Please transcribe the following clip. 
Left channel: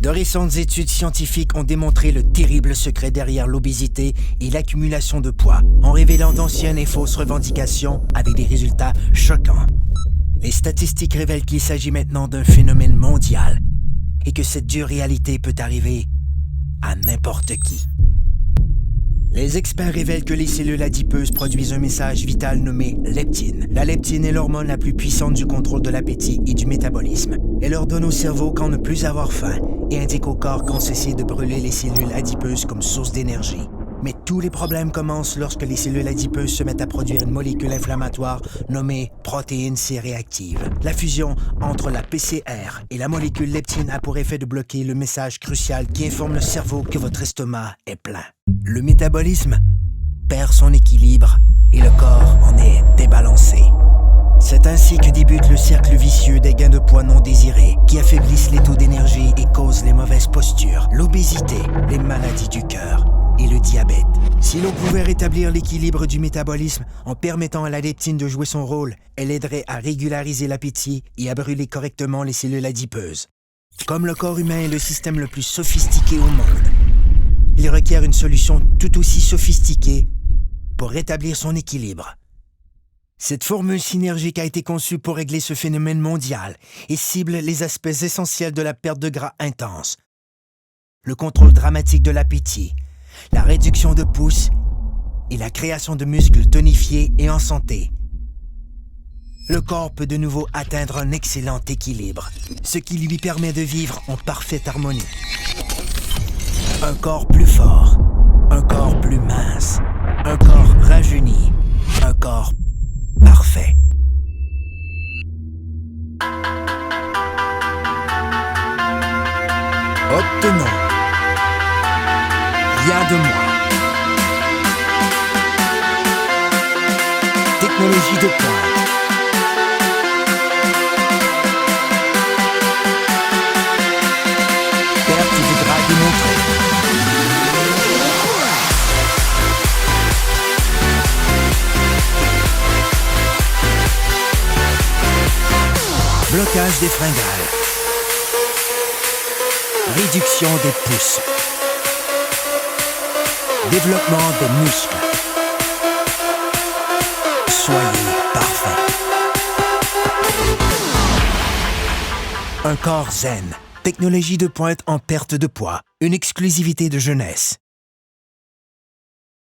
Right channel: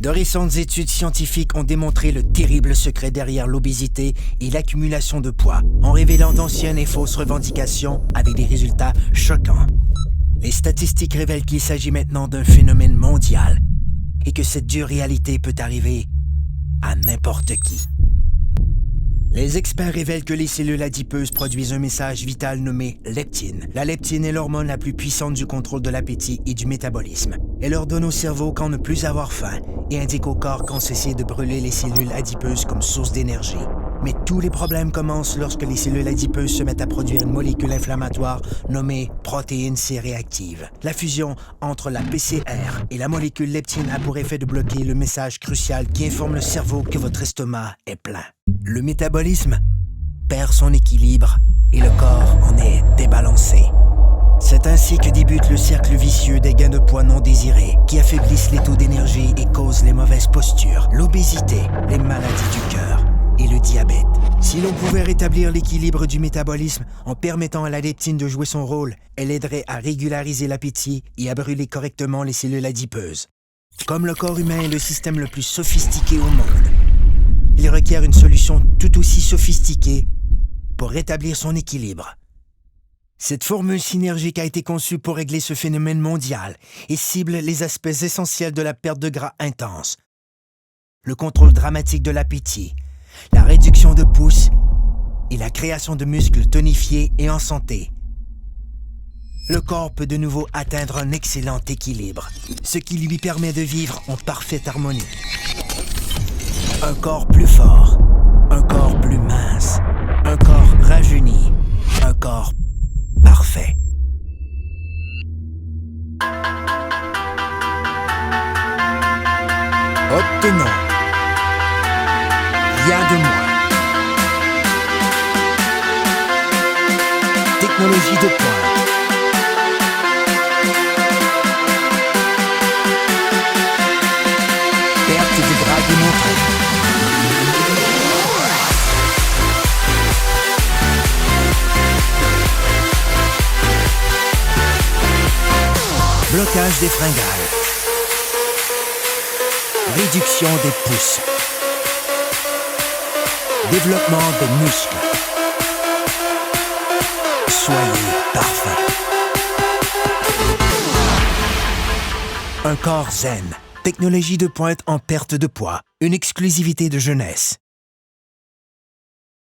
De récentes études scientifiques ont démontré le terrible secret derrière l'obésité et l'accumulation de poids, en révélant d'anciennes et fausses revendications avec des résultats choquants. Les statistiques révèlent qu'il s'agit maintenant d'un phénomène mondial et que cette dure réalité peut arriver à n'importe qui. Les experts révèlent que les cellules adipeuses produisent un message vital nommé leptine. La leptine est l'hormone la plus puissante du contrôle de l'appétit et du métabolisme. Elle ordonne au cerveau quand ne plus avoir faim et indique au corps quand cesser de brûler les cellules adipeuses comme source d'énergie. Mais tous les problèmes commencent lorsque les cellules adipeuses se mettent à produire une molécule inflammatoire nommée protéine C-réactive. La fusion entre la PCR et la molécule leptine a pour effet de bloquer le message crucial qui informe le cerveau que votre estomac est plein. Le métabolisme perd son équilibre et le corps en est débalancé. C'est ainsi que débute le cercle vicieux des gains de poids non désirés qui affaiblissent les taux d'énergie et causent les mauvaises postures, l'obésité, les maladies du cœur et le diabète. Si l'on pouvait rétablir l'équilibre du métabolisme en permettant à la leptine de jouer son rôle, elle aiderait à régulariser l'appétit et à brûler correctement les cellules adipeuses. Comme le corps humain est le système le plus sophistiqué au monde, il requiert une solution tout aussi sophistiquée pour rétablir son équilibre. Cette formule synergique a été conçue pour régler ce phénomène mondial et cible les aspects essentiels de la perte de gras intense, le contrôle dramatique de l'appétit, la réduction de pouces et la création de muscles tonifiés et en santé. Le corps peut de nouveau atteindre un excellent équilibre, ce qui lui permet de vivre en parfaite harmonie. Un corps plus fort, un corps plus mince, un corps rajeuni, un corps parfait. Obtenons rien de moins. Technologie de pointe. Perte de gras démontrée. Blocage des fringales. Réduction des pouces. Développement des muscles. Soyez parfait. Un corps zen. Technologie de pointe en perte de poids. Une exclusivité de jeunesse.